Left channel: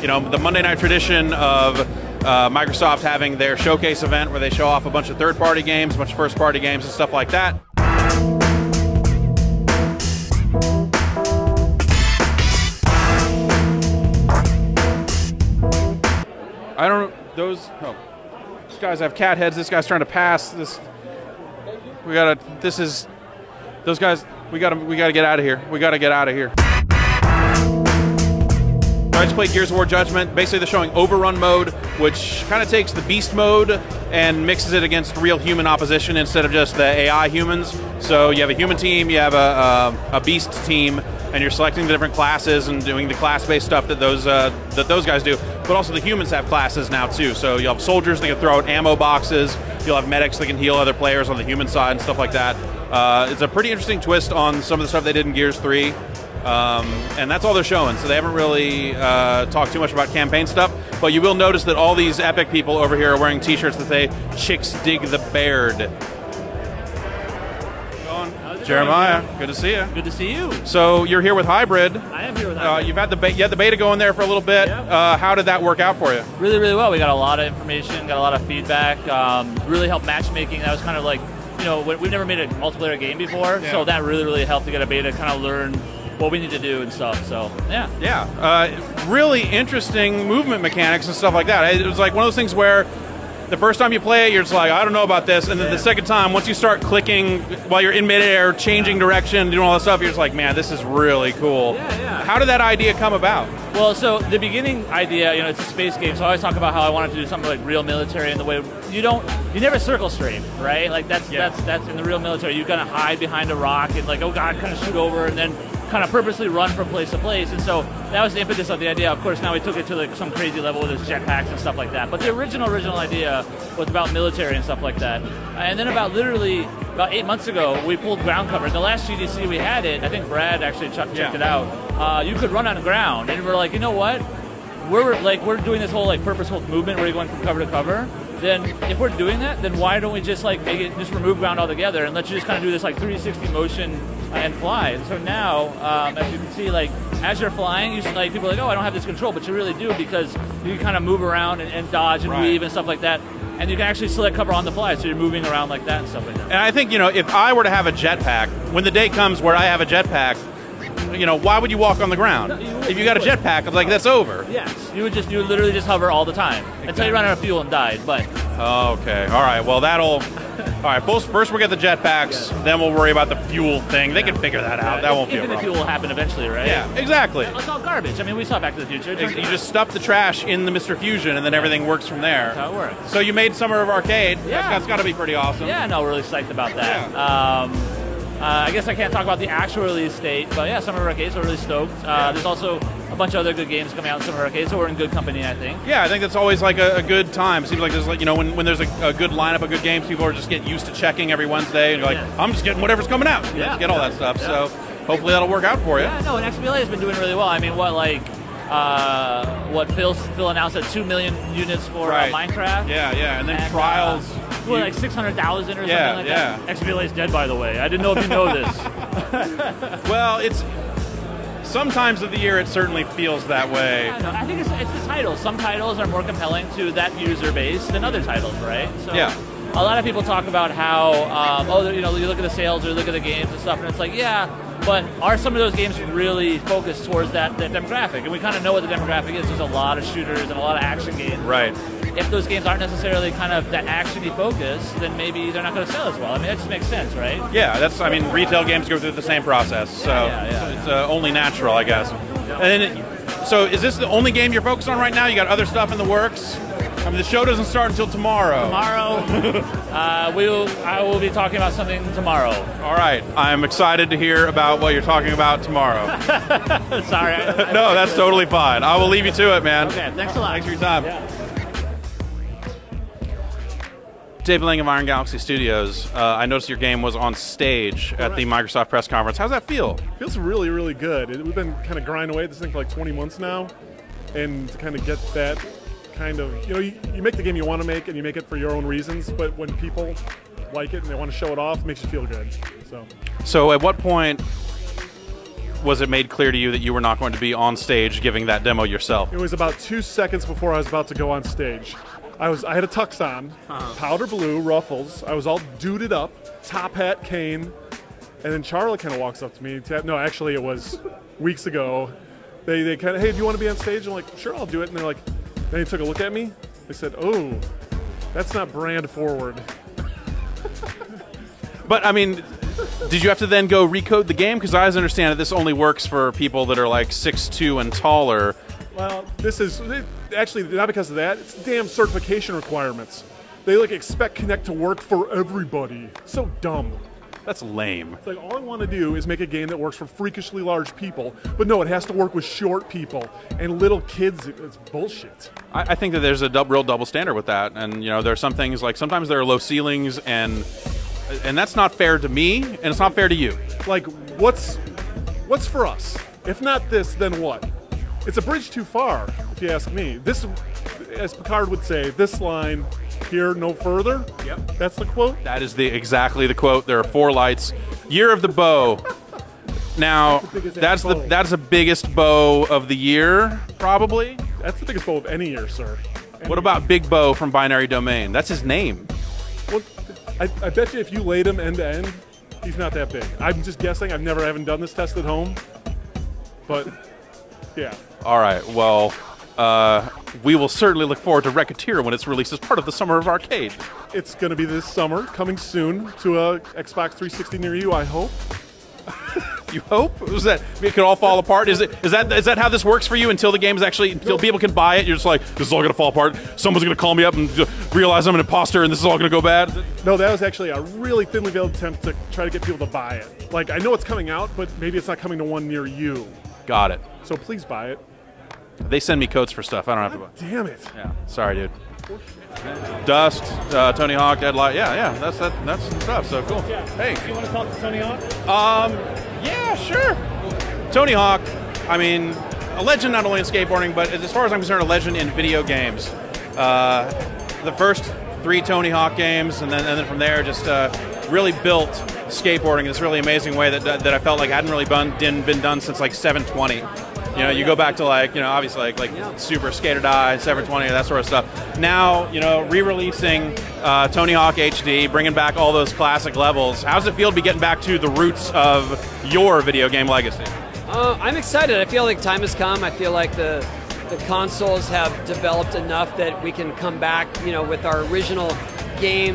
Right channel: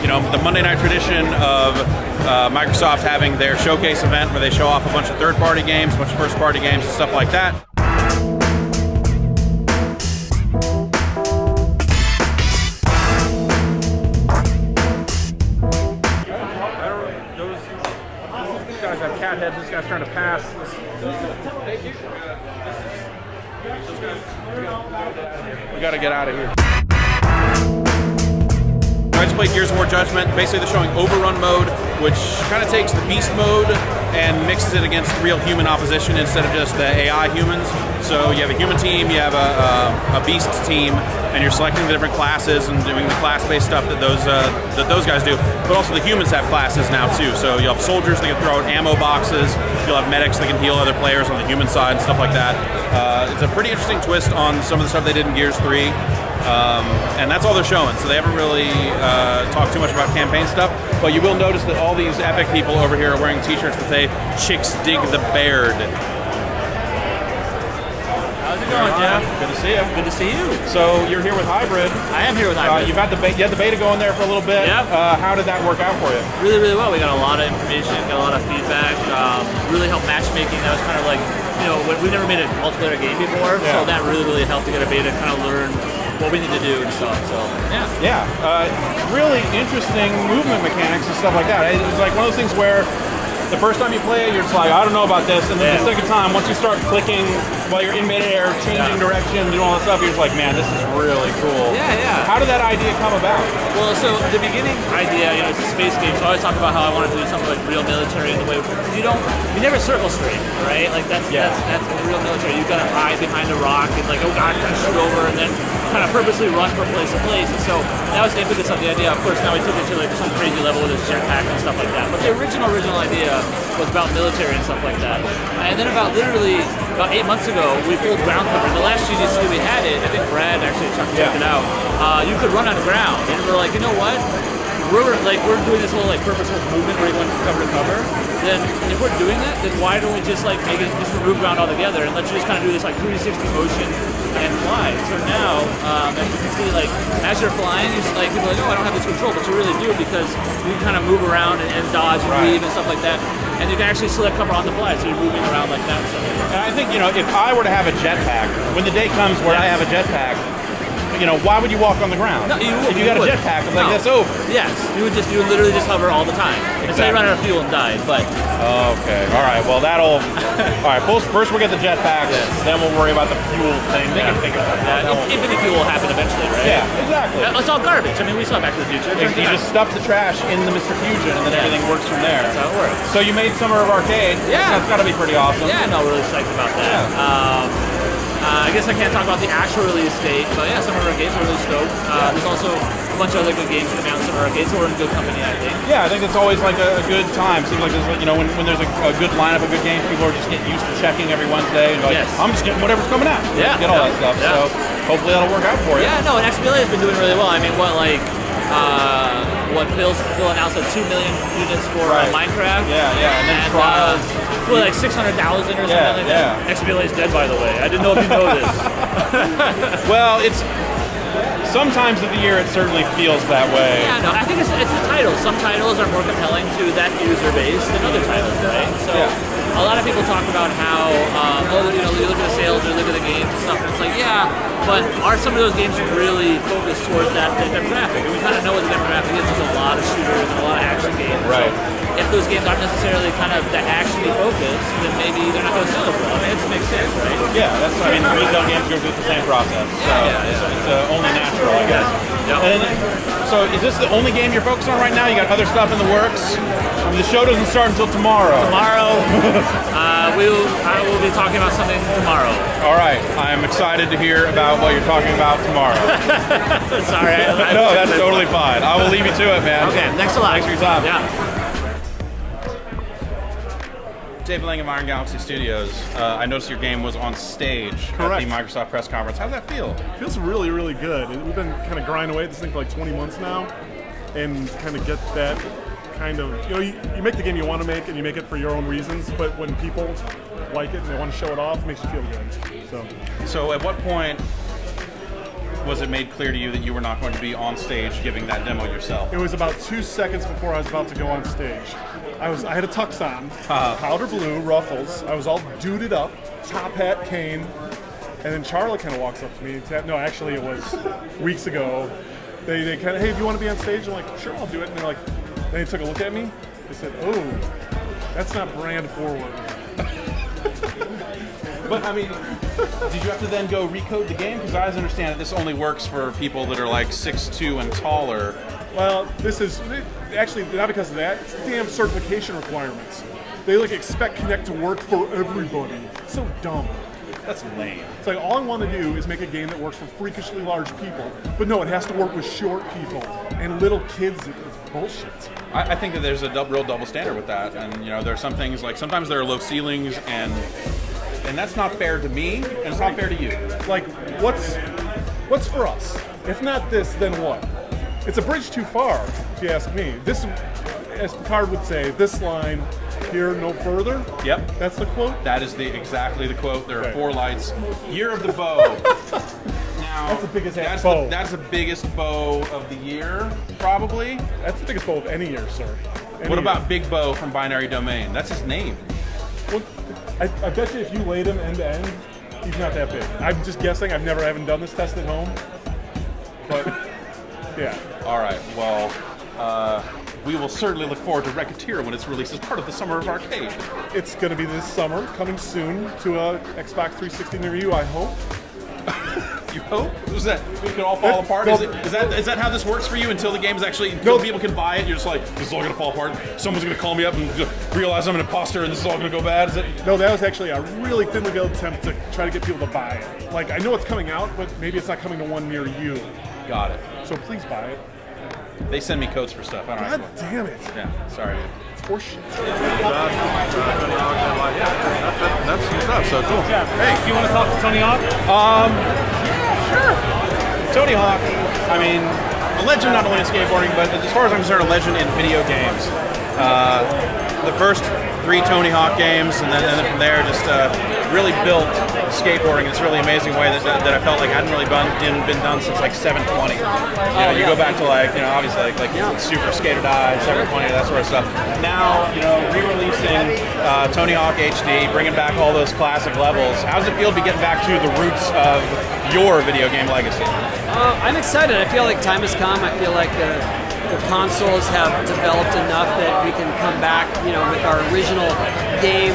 you know, the Monday night tradition of Microsoft having their showcase event where they show off a bunch of third-party games, a bunch of first-party games and stuff like that. I don't know, those guys have cat heads. This guy's trying to pass. Those guys, we gotta get out of here. We gotta get out of here. I just played Gears of War Judgment. Basically, they're showing Overrun mode, which kind of takes the Beast mode and mixes it against real human opposition instead of just the AI humans. So you have a human team, you have a Beast team, and you're selecting the different classes and doing the class-based stuff that those guys do. But also the humans have classes now too. So you'll have soldiers that can throw out ammo boxes. You'll have medics that can heal other players on the human side and stuff like that. It's a pretty interesting twist on some of the stuff they did in Gears 3. And that's all they're showing, so they haven't really talked too much about campaign stuff, but you will notice that all these Epic people over here are wearing t-shirts that say, "Chicks dig the Baird." How's it Jeremiah, going? good to see you. Good to see you. So you're here with Hybrid. I am here with Hybrid. You had the beta going there for a little bit. Yeah. How did that work out for you? Really, really well. We got a lot of information, got a lot of feedback, really helped matchmaking. That was kind of like, you know, we've never made a multiplayer game before, so that really, really helped to get a beta, kind of learn what we need to do and stuff, so yeah. Yeah, really interesting movement mechanics and stuff like that. It was like one of those things where the first time you play it, you're just like, I don't know about this, and then the second time, once you start clicking while you're in midair, changing direction, doing all this stuff, you're just like, man, this is really cool. Yeah, yeah. How did that idea come about? Well, so the beginning idea, you know, it's a space game, so I always talk about how I wanted to do something like real military in the way you never circle straight, right? Like that's the real military. You've got to hide behind a rock and like, oh god, kind of shoot over and then kind of purposely run from place to place. And so that was the impetus of the idea. Of course, now we took it to like some crazy level with this jetpack and stuff like that. But the original idea was about military and stuff like that. And then about 8 months ago, we pulled ground cover. In the last GDC we had it, I think Brad actually checked it out. You could run on the ground, and we're like, you know what? We're doing this whole like purposeful movement where you went from cover to cover. Then if we're doing that, then why don't we just like maybe just remove ground altogether and let you just kind of do this like 360 motion and fly? So now, as you can see, like as you're flying, you're just, like people are like, oh, I don't have this control, but you really do because you can kind of move around and dodge and weave and stuff like that, and you can actually select cover on the fly, so you're moving around like that and stuff like that. And I think, you know, if I were to have a jetpack, when the day comes where I have a jetpack, you know, why would you walk on the ground? No, if you got a jetpack, it's like, that's over. Yes, you would literally just hover all the time. Until you run out of fuel and die, but... Okay, all right, well all right, first we'll get the jetpacks, then we'll worry about the fuel thing. They can figure that out. Infinite fuel will happen eventually, right? Yeah, exactly. It's all garbage. I mean, we saw Back to the Future. You just stuff the trash in the Mr. Fusion and then everything works from there. That's how it works. So you made Summer of Arcade. Yeah. That's gotta be pretty awesome. Yeah, no, really psyched about that. Yeah. I guess I can't talk about the actual release date, but yeah, Summer of Arcade, so we're really stoked. There's also a bunch of other good games coming out in Summer of Arcade, so we're in good company, I think. Yeah, I think it's always like a good time. Seems like just like, you know, when there's a good lineup of good games, people are just getting used to checking every Wednesday. Like, I'm just getting whatever's coming out. Yeah. Get all that stuff. Yeah. So hopefully that'll work out for you. Yeah, no, and XBLA has been doing really well. I mean, Phil announced at 2 million units for Minecraft. Yeah, and then trials. Like 600,000 or something like that. XBLA is dead, by the way. I didn't know if you know this. Well, it's sometimes of the year it certainly feels that way. Yeah, no, I think it's the titles. Some titles are more compelling to that user base than other titles, right? So a lot of people talk about how, you know, you look at the sales or look at the games and stuff, and it's like, yeah, but are some of those games really focused towards that demographic? And we kind of know what the demographic is. There's a lot of shooters and a lot of action games. Right. So if those games aren't necessarily kind of that actiony focused, then maybe they're not going to sell as well. I mean, it just makes sense, right? Yeah, I mean, retail games go through the same process, so it's only natural, I guess. Yeah. And so is this the only game you're focused on right now? You got other stuff in the works? The show doesn't start until tomorrow. I will be talking about something tomorrow. All right, I'm excited to hear about what you're talking about tomorrow. Sorry. No, that's totally fine. I will leave you to it, man. Okay, thanks a lot. Thanks for your time. Yeah. Dave Lang of Iron Galaxy Studios. I noticed your game was on stage at the Microsoft press conference. How's that feel? It feels really, really good. We've been kind of grinding away at this thing for like 20 months now, and kind of get that kind of, you know, you make the game you want to make, and you make it for your own reasons, but when people like it and they want to show it off, it makes you feel good. So at what point was it made clear to you that you were not going to be on stage giving that demo yourself? It was about 2 seconds before I was about to go on stage. I had a tux on, powder blue, ruffles. I was all duded up, top hat, cane, and then Charlie kind of walks up to me. No, actually, it was weeks ago. They kind of, hey, do you want to be on stage? I'm like, sure, I'll do it. And they're like, they took a look at me. They said, oh, that's not brand forward. But I mean, did you have to then go recode the game? Because I understand that this only works for people that are like 6'2" and taller. Well, this is actually not because of that. It's damn certification requirements. They like expect Kinect to work for everybody. So dumb. That's lame. It's like all I want to do is make a game that works for freakishly large people, but no, it has to work with short people and little kids. It's bullshit. I think that there's a real double standard with that, and you know, there are some things like sometimes there are low ceilings, and that's not fair to me, and it's not fair to you. Like, what's for us? If not this, then what? It's a bridge too far, if you ask me. This, as Picard would say, this line here, no further. Yep. That's the quote? That is exactly the quote. There are 4 lights. Year of the bow. Now, that's the biggest bow of the year, probably. That's the biggest bow of any year, sir. What about Big Bo from Binary Domain? That's his name. Well, I bet you if you laid him end to end, he's not that big. I'm just guessing. Haven't done this test at home. But, yeah. All right, well, we will certainly look forward to Racketeer when it's released as part of the Summer of Arcade. It's going to be this summer, coming soon to a Xbox 360 near you, I hope. You hope? Is that it can all fall apart? Is that how this works for you until the game's actually until people can buy it? You're just like, this is all gonna fall apart. Someone's gonna call me up and realize I'm an imposter, and this is all gonna go bad. No, that was actually a really thinly veiled attempt to try to get people to buy it. Like, I know it's coming out, but maybe it's not coming to one near you. Got it. So please buy it. They send me codes for stuff. I don't have God to. damn it. Yeah. Sorry, dude. Horseshit. Dust, Tony Hawk, Deadlight. Yeah. That's so cool. Hey, do you want to talk to Tony Hawk? Yeah, sure. Tony Hawk, I mean, a legend not only in skateboarding, but as far as I'm concerned, a legend in video games. The first 3 Tony Hawk games, and then from there, just really built skateboarding in this really amazing way that I felt like hadn't really been done since like 720. You know, you go back to like, you know, obviously like Super Skater Died, 720, that sort of stuff. Now, you know, re-releasing Tony Hawk HD, bringing back all those classic levels. How does it feel to be getting back to the roots of your video game legacy? I'm excited. I feel like time has come. I feel like the consoles have developed enough that we can come back, you know, with our original game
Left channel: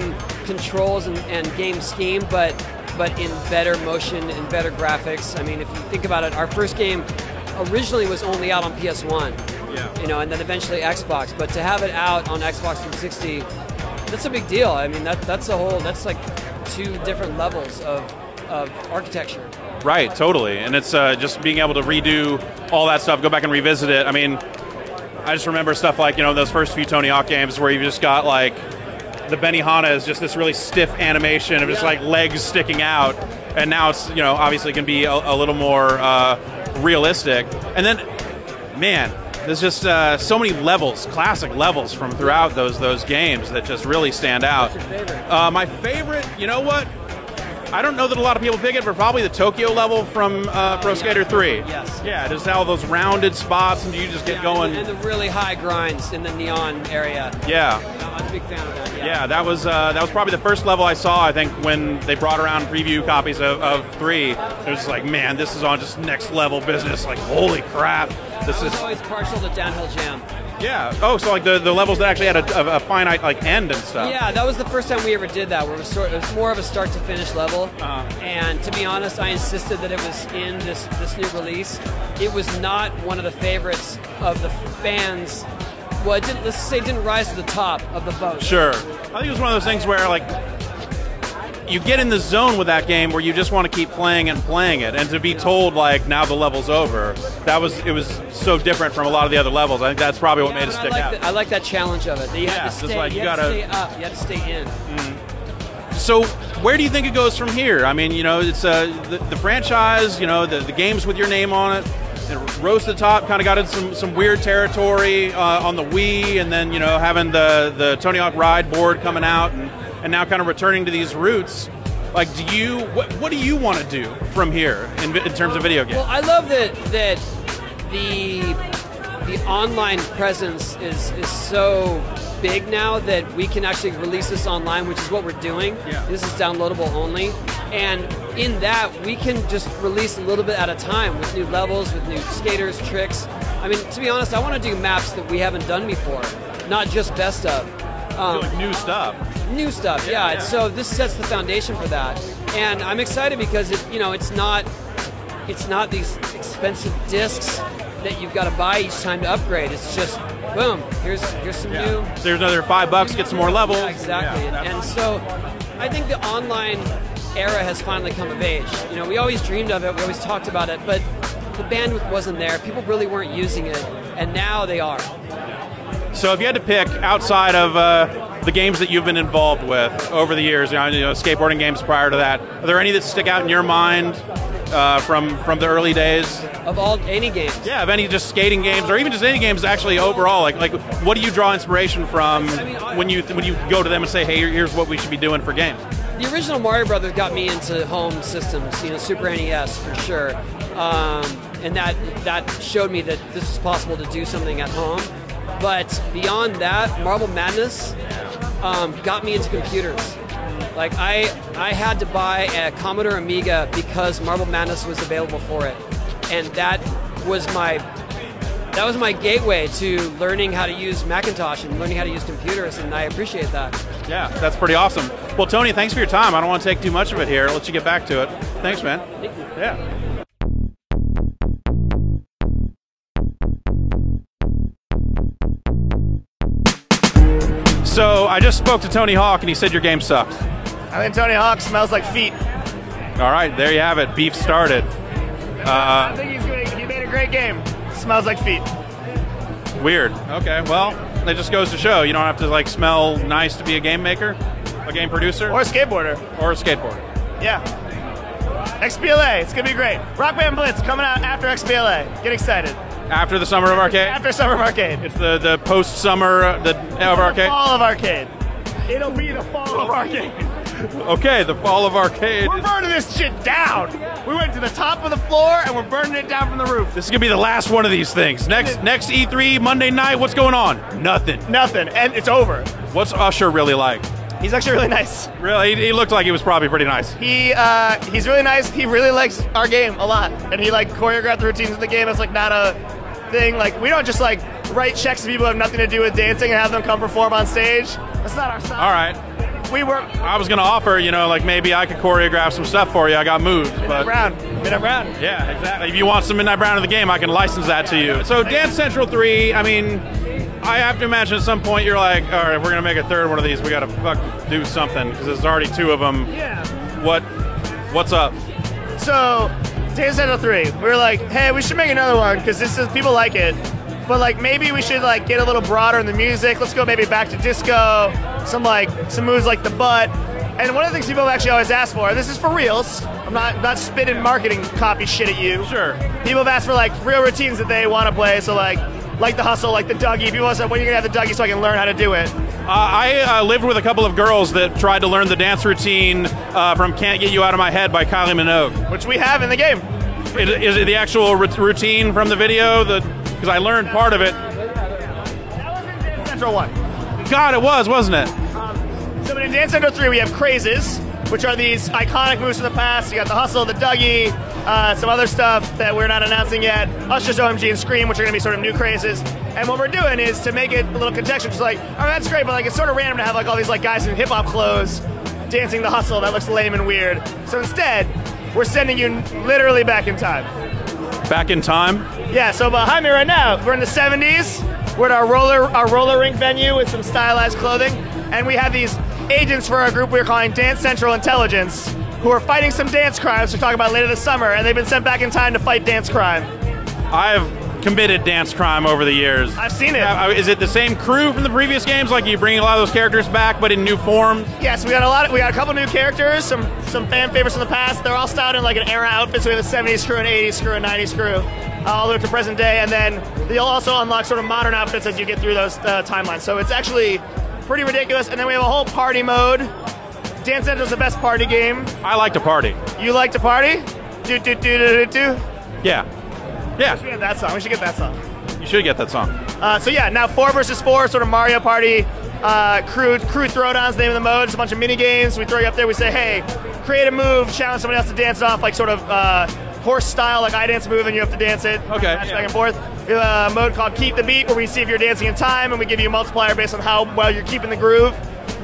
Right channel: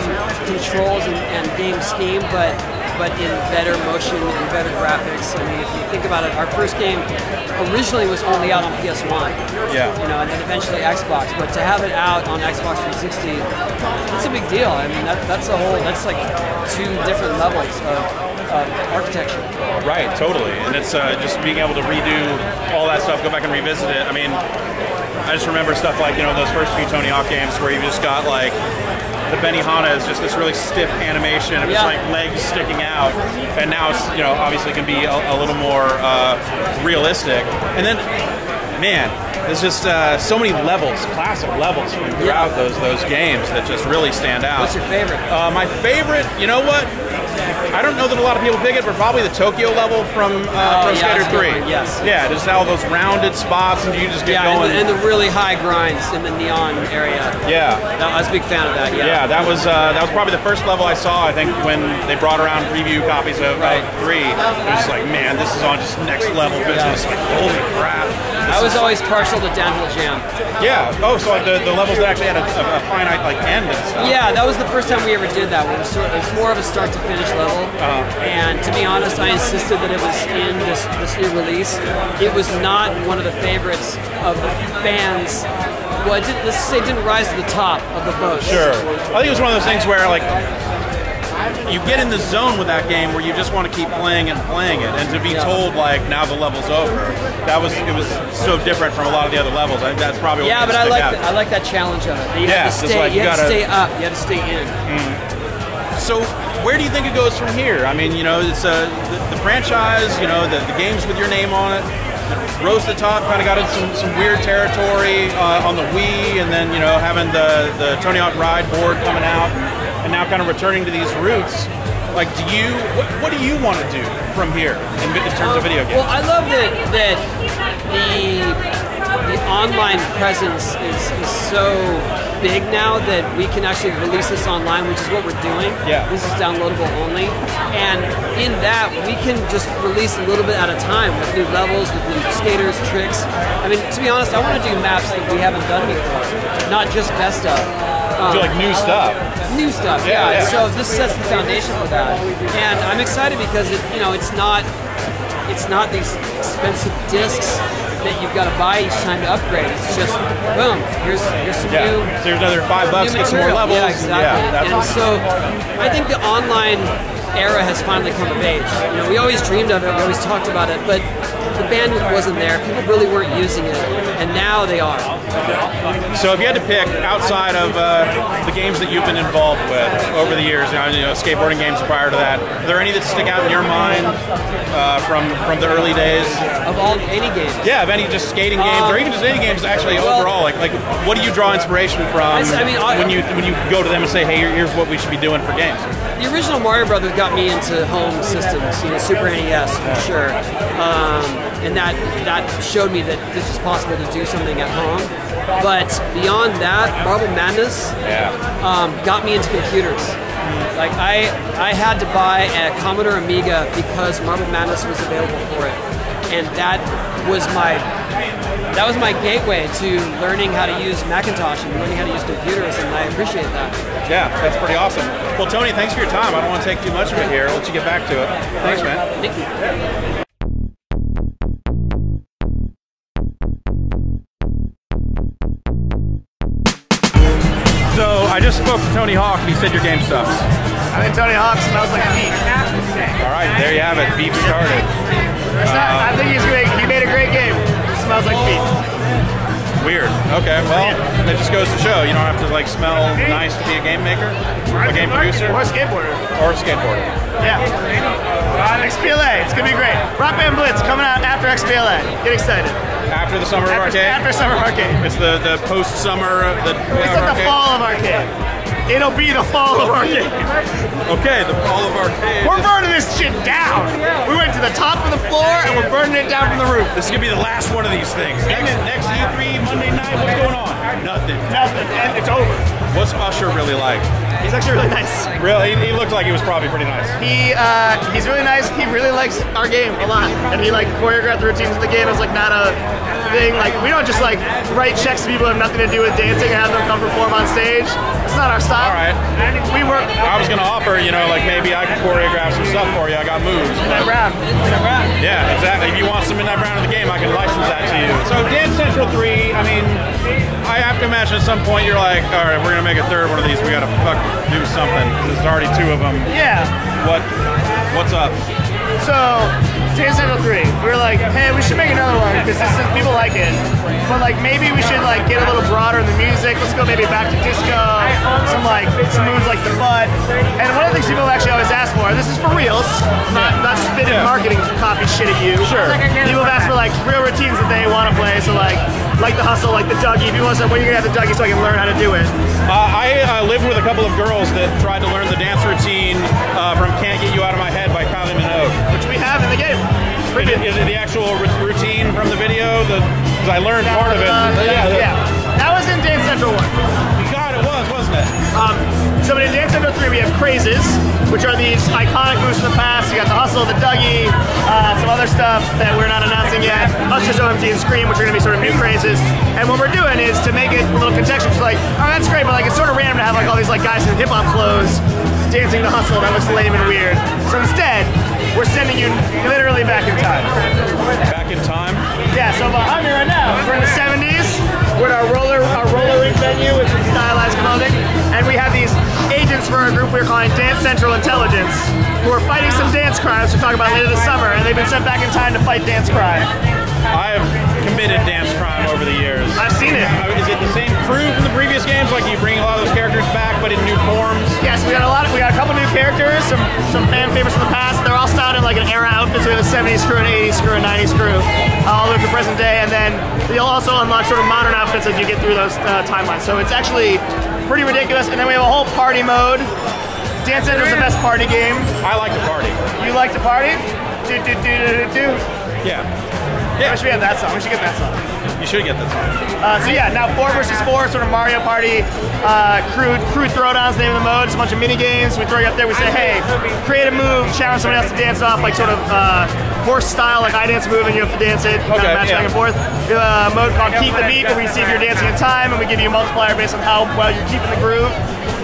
controls and game scheme, but in better motion and better graphics. I mean, if you think about it, our first game originally was only out on PS1. Yeah. You know, and then eventually Xbox. But to have it out on Xbox 360, it's a big deal. I mean, that's like 2 different levels of architecture. Right, totally. And it's just being able to redo all that stuff, go back and revisit it. I mean, I just remember stuff like, you know, those first few Tony Hawk games where you just got like, the Benihana is just this really stiff animation of just like legs sticking out. And now it's, you know, obviously can be a little more realistic. And then, man, there's just so many levels, classic levels from throughout those games that just really stand out. What's your favorite? My favorite, you know what? I don't know that a lot of people dig it, but probably the Tokyo level from Pro Skater 3. Yes. Yeah, just all those rounded spots, and you just get going. And the really high grinds in the neon area. Yeah. I was a big fan of that. Yeah, that was probably the first level I saw. I think when they brought around preview copies of 3, it was like, man, this is on just next level business. Like, holy crap! I was always partial to Downhill Jam. Yeah. Oh, so like the levels that actually had a finite like end and stuff. Yeah, that was the first time we ever did that. It was more of a start to finish level. And to be honest, I insisted that it was in this new release. It was not one of the favorites of the fans. Well, let's say it didn't rise to the top of the vote. Sure. I think it was one of those things where like you get in the zone with that game where you just want to keep playing it, and to be told like now the level's over, it was so different from a lot of the other levels. I think that's probably what made it stick out. I like that challenge of it. You have to stay, you have to stay up. You have to stay in. So where do you think it goes from here? I mean, you know, it's the franchise, you know, the games with your name on it. Rose to the Top kind of got in some weird territory on the Wii, and then, you know, having the Tony Hawk Ride board coming out, and now kind of returning to these roots. Like, what do you want to do from here in terms of video games? Well, I love that the online presence is so big now that we can actually release this online, which is what we're doing. Yeah. This is downloadable only. And in that, we can just release a little bit at a time with new levels, with new skaters, tricks. I mean, to be honest, I want to do maps that we haven't done before, not just best of. Do like new stuff. New stuff, yeah. So this sets the foundation for that. And I'm excited because it's not these expensive discs that you've got to buy each time to upgrade. It's just boom, here's some new. There's another $5, get some more levels. Yeah, exactly. And so I think the online era has finally come of age. We always dreamed of it, we always talked about it, but the bandwidth wasn't there. People really weren't using it, and now they are. So if you had to pick outside of the games that you've been involved with over the years, skateboarding games prior to that, are there any that stick out in your mind from the early days? Of all any games? Yeah, of any just skating games, or even just any games actually overall. Like what do you draw inspiration from when you go to them and say, hey, here's what we should be doing for games? The original Mario Brothers got me into home systems, Super NES for sure, and that showed me that this is possible to do something at home. But beyond that, Marble Madness got me into computers. Like I had to buy a Commodore Amiga because Marble Madness was available for it, and that was my gateway to learning how to use Macintosh and learning how to use computers, and I appreciate that. Yeah, that's pretty awesome. Well, Tony, thanks for your time. I don't want to take too much of it here. I'll let you get back to it. Thanks, man. Thank you. Yeah. So I just spoke to Tony Hawk, and he said your game sucks. I think Tony Hawk smells like beef. All right, there you have it. Beef started. I think he made a great game. Smells like beef. Weird. Okay, well, that just goes to show you don't have to like smell nice to be a game maker, a game producer, Or a skateboarder. or a skateboarder. Yeah. XBLA, it's gonna be great. Rock Band Blitz coming out after XBLA. Get excited. After the Summer of Arcade? After Summer of Arcade. It's the post-summer It's of Arcade? the fall of Arcade. It'll be the fall of Arcade. Okay, the fall of Arcade. We're burning this shit down. We went to the top of the floor and we're burning it down from the roof. This is gonna be the last one of these things. Next E3 Monday night, what's going on? Nothing. Nothing. And it's over. What's Usher really like? He's actually really nice. Really? He looked like he was probably pretty nice. He's really nice. He really likes our game a lot. And he like choreographed the routines of the game. It's like not a thing. Like we don't just like write checks to people who have nothing to do with dancing and have them come perform on stage. That's not our style. All right. We work. I was gonna offer, like maybe I could choreograph some stuff for you. I got moves. But yeah, exactly. If you want some Midnight Brown of the game, I can license that to you. So Dance Central 3, I mean, I have to imagine at some point you're like, all right, we're gonna make a third one of these. We gotta do something. There's already two of them. Yeah. What's up? So, Dance Central 3, we were like, hey, we should make another one because people like it. But like maybe we should like get a little broader in the music. Let's go maybe back to disco, some moves like the butt. And one of the things people actually always ask for, and this is for reals, not spitting marketing copy shit at you. Sure. People have asked for like real routines that they want to play. So like the hustle, like the Dougie. People want to say, when are you gonna have the Dougie so I can learn how to do it? I lived with a couple of girls that tried to learn the dance routine from "Can't Get You Out of My Head" by Kylie Minogue, which we have in the game. Is it the actual routine from the video? Because I learned part of it. Yeah. That was in Dance Central 1. God, it was, wasn't it? So in Dance Central 3, we have crazes, which are these iconic moves from the past. You got the hustle, the Dougie, some other stuff that we're not announcing yet. Usher's OMG and Scream, which are going to be sort of new crazes. And what we're doing is to make it a little contextual. It's like, oh, that's great, but like it's sort of random to have like all these like guys in hip hop clothes dancing the hustle. That looks lame and weird. So instead, we're sending you literally back in time. Back in time? Yeah, so behind me right now, we're in the 70s. We're at our roller rink venue with some stylized clothing. And we have these agents for our group we're calling Dance Central Intelligence, who are fighting some dance crimes we'll talk about later this summer, and they've been sent back in time to fight dance crime. I have committed dance crime over the years. I've seen it. Is it the same crew from the previous games? Like you bring a lot of those characters back, but in new forms? Yes, we got a couple new characters, some fan favorites from the past. They're all styled in like an era outfit, so we have a 70s crew, an 80s crew, a 90s crew, all the way to present day, and then you'll also unlock sort of modern outfits as you get through those timelines. So it's actually pretty ridiculous. And then we have a whole party mode Dance Central is the best party game. I like to party. You like to party? Do, do, do, do, do, do. Yeah. We should get that song. We should get that song. You should get that song. So yeah, now 4 versus 4, sort of Mario Party. Crew Throwdown's the name of the mode. It's a bunch of mini games. We throw you up there. We say, hey, create a move, challenge somebody else to dance off, like sort of horse style, like I dance a move and you have to dance it. Okay, Match back and forth. We have a mode called Keep the Beat, where we see if you're dancing in time, and we give you a multiplier based on how well you're keeping the groove.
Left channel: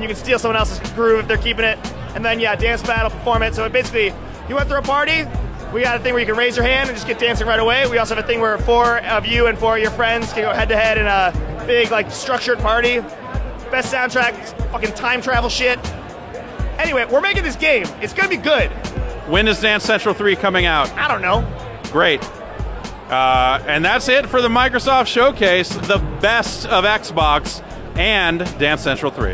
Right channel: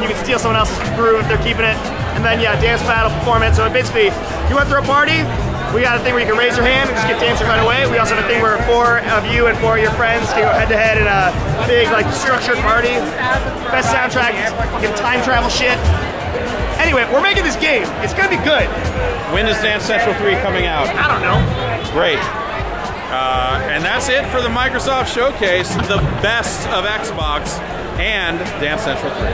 You can steal someone else's groove if they're keeping it. And then yeah, dance battle performance. So basically, if you want to throw a party, we got a thing where you can raise your hand and just get dancing right away. We also have a thing where 4 of you and 4 of your friends can go head to head in a big, like, structured party. Best soundtrack, fucking time travel shit. Anyway, we're making this game. It's gonna be good. When is Dance Central 3 coming out? I don't know. Great. And that's it for the Microsoft Showcase, the best of Xbox and Dance Central 3.